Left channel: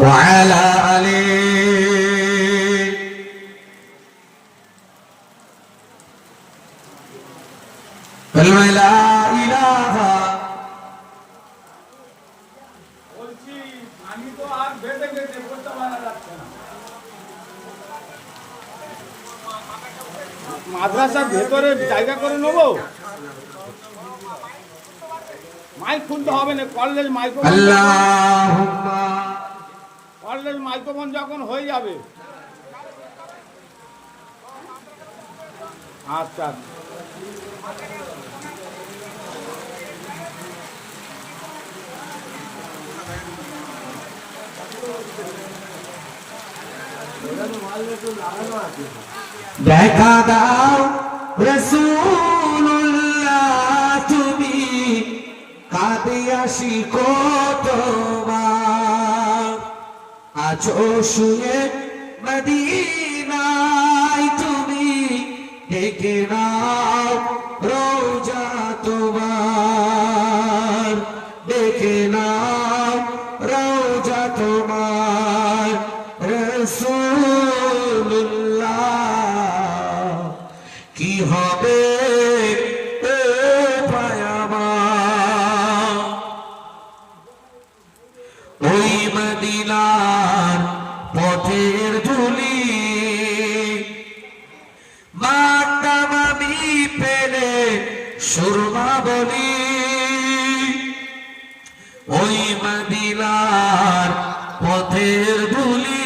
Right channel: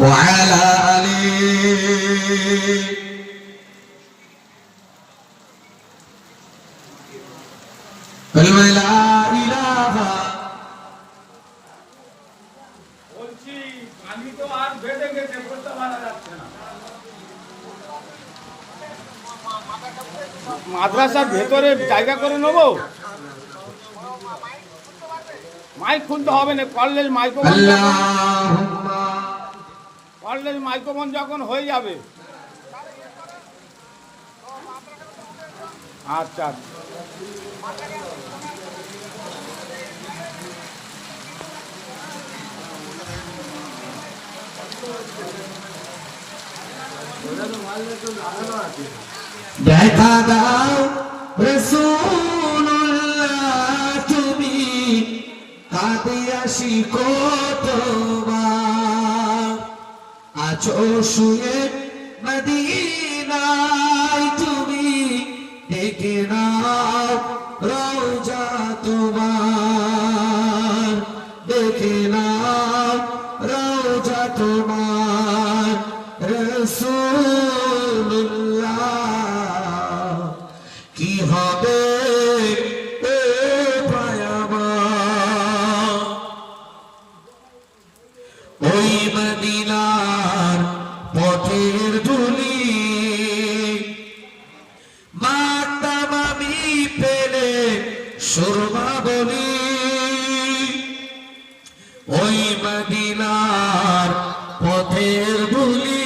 وعلى آله كلمة لا إله বলছি আমি তো আর বেঁধে গেছে বলতে পারা যাচ্ছে না মাদ্রাসার ভেতরে জায়গা করে নেবো মাইক খুলতে হবে না কলেজ মাইক্রোফোন اللهم college microphone যখন হয়ে যাবে। আচ্ছা। দেখা দাও রসুল্লাহ তুমি কাঁদে আসি কতবার আছো শুয়ে মদিনায় তুমি ডেকে নাও রোজা তোমার। ডেকে নাও রোজা তোমার। রসুল্লাহ কি হবে ওই মদিনার পথের ধুলি। মাতাম পেলে সুরমা বলি। ওই মদিনার পথের ধুলি।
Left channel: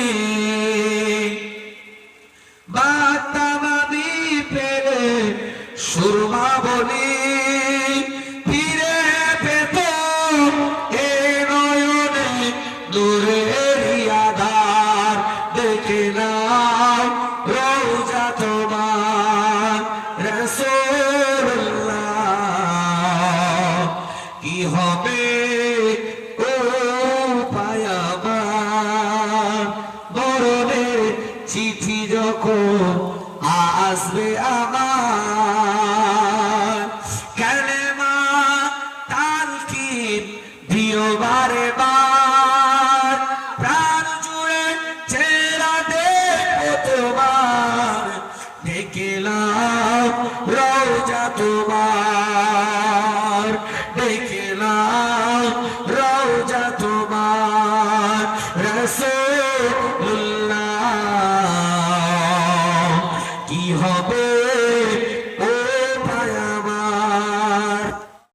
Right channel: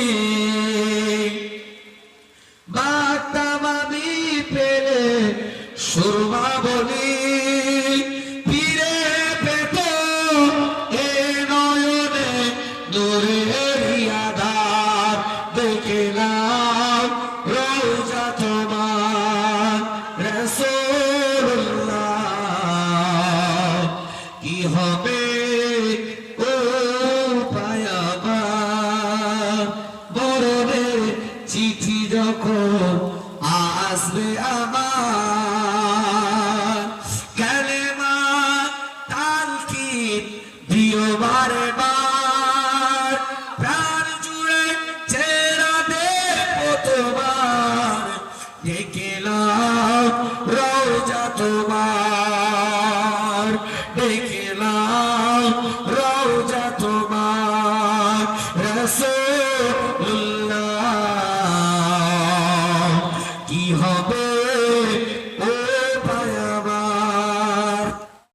আমি পেলে সুরমা বলি। রসুল্লাহ কি হবে চিঠি যখন আসবে কালেমা তালকিন দিও বারে বার তোমার ডেকে নাও রওজা তোমার রসুল্লাহ